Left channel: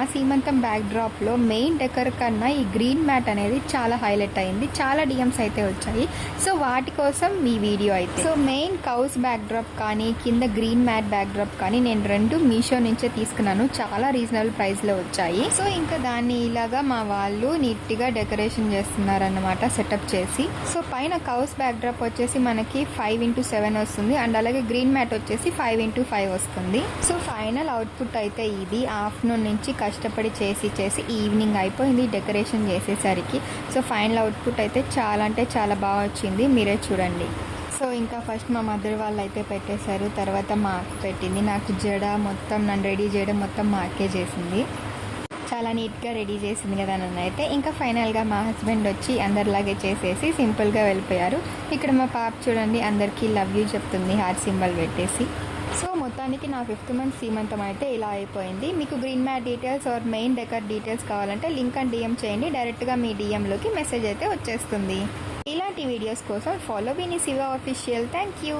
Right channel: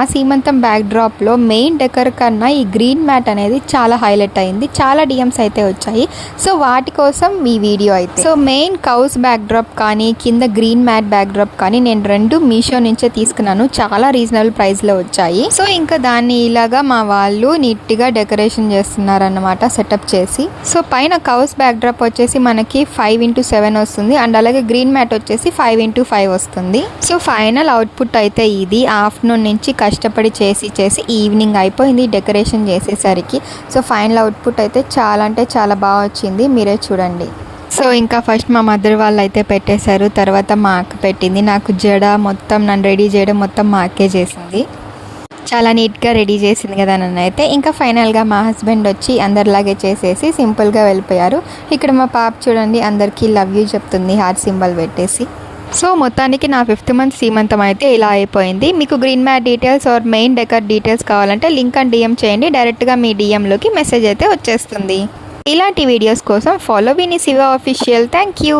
ఆ సీమంతం back డ్రాప్లో main decor కన్నా ఈ గ్రీన్ మ్యాట్ అనేది చాలా హైలైట్ అయింది. చాలా డిఎమ్స్ అయితే వచ్చాయి. సో వాటి కోసం ఈ వీడియో అయితే. So main cows back drop కానీ కింద గ్రీన్ మ్యాట్ బ్యాక్ డ్రాప్ కానీ నేను రెండు మీషో నుంచే తీసుకున్నాను. చాలా రీజనబుల్ ప్రైస్లో వచ్చాయి. సో ఇంకా దాన్ని ఇలాగా మా వాళ్ళు నీట్గా డెకరేషన్ చేస్తున్నారన్నమాట సెటప్ చేసి. సో పైన కౌస్ బ్యాక్ డ్రాప్ వచ్చేసి మనకి 5x7 వస్తుంది అండ్ అలాగే గ్రీన్ మ్యాట్ వచ్చేసి 5x5 వస్తుంది. సో ఫైనల్ అవుట్పుట్ అయితే ఇది. ఆఫ్టర్నూన్ నుంచి కష్టపడి చేసి ఈవినింగ్ అయిపోయింది డెకరేషన్ చేసేసరికి. సో ఫైనల్ అవుట్పుట్ అయితే చాలా అంటే చాలా బాగా వచ్చింది, మీరే చూడండి. సో ఇంకా ఫస్ట్ మా మదర్ వాళ్ళు అయితే పెట్టేశారు, తర్వాత మా అక్క పెట్టింది. నాకు జడ మొత్తం నన్ను రెడీ చేయడం మొత్తం మా అక్కే చేసింది. చాలా నీట్గా రెడీ చేసింది కదా నన్ను అయితే. ఇంకా ఫైనల్గా మా హస్బెండ్ వచ్చి అందరిలాగే చేసేసి సింపుల్గా వెళ్ళిపోయారు. ఇక్కడ మా పాప చూడండి అందరికీ లవ్ యూ చెప్తుంది హార్ట్ సింబల్ పెట్టేసి. సో మొత్తానికి నా 5th మంత్ సీమంతం అయితే ఇలా అయిపోయింది. మీకు green mat details or main decor details కావాలంటే లింక్ అని డిఎం చేయండి, డైరెక్ట్గా మీ డిఎంలోకి మెసేజ్ అయితే వచ్చేస్తుంది. ఇలాంటి వీడియోస్ కోసం ఫాలో విని శివ ఆఫీషియల్. Thank you.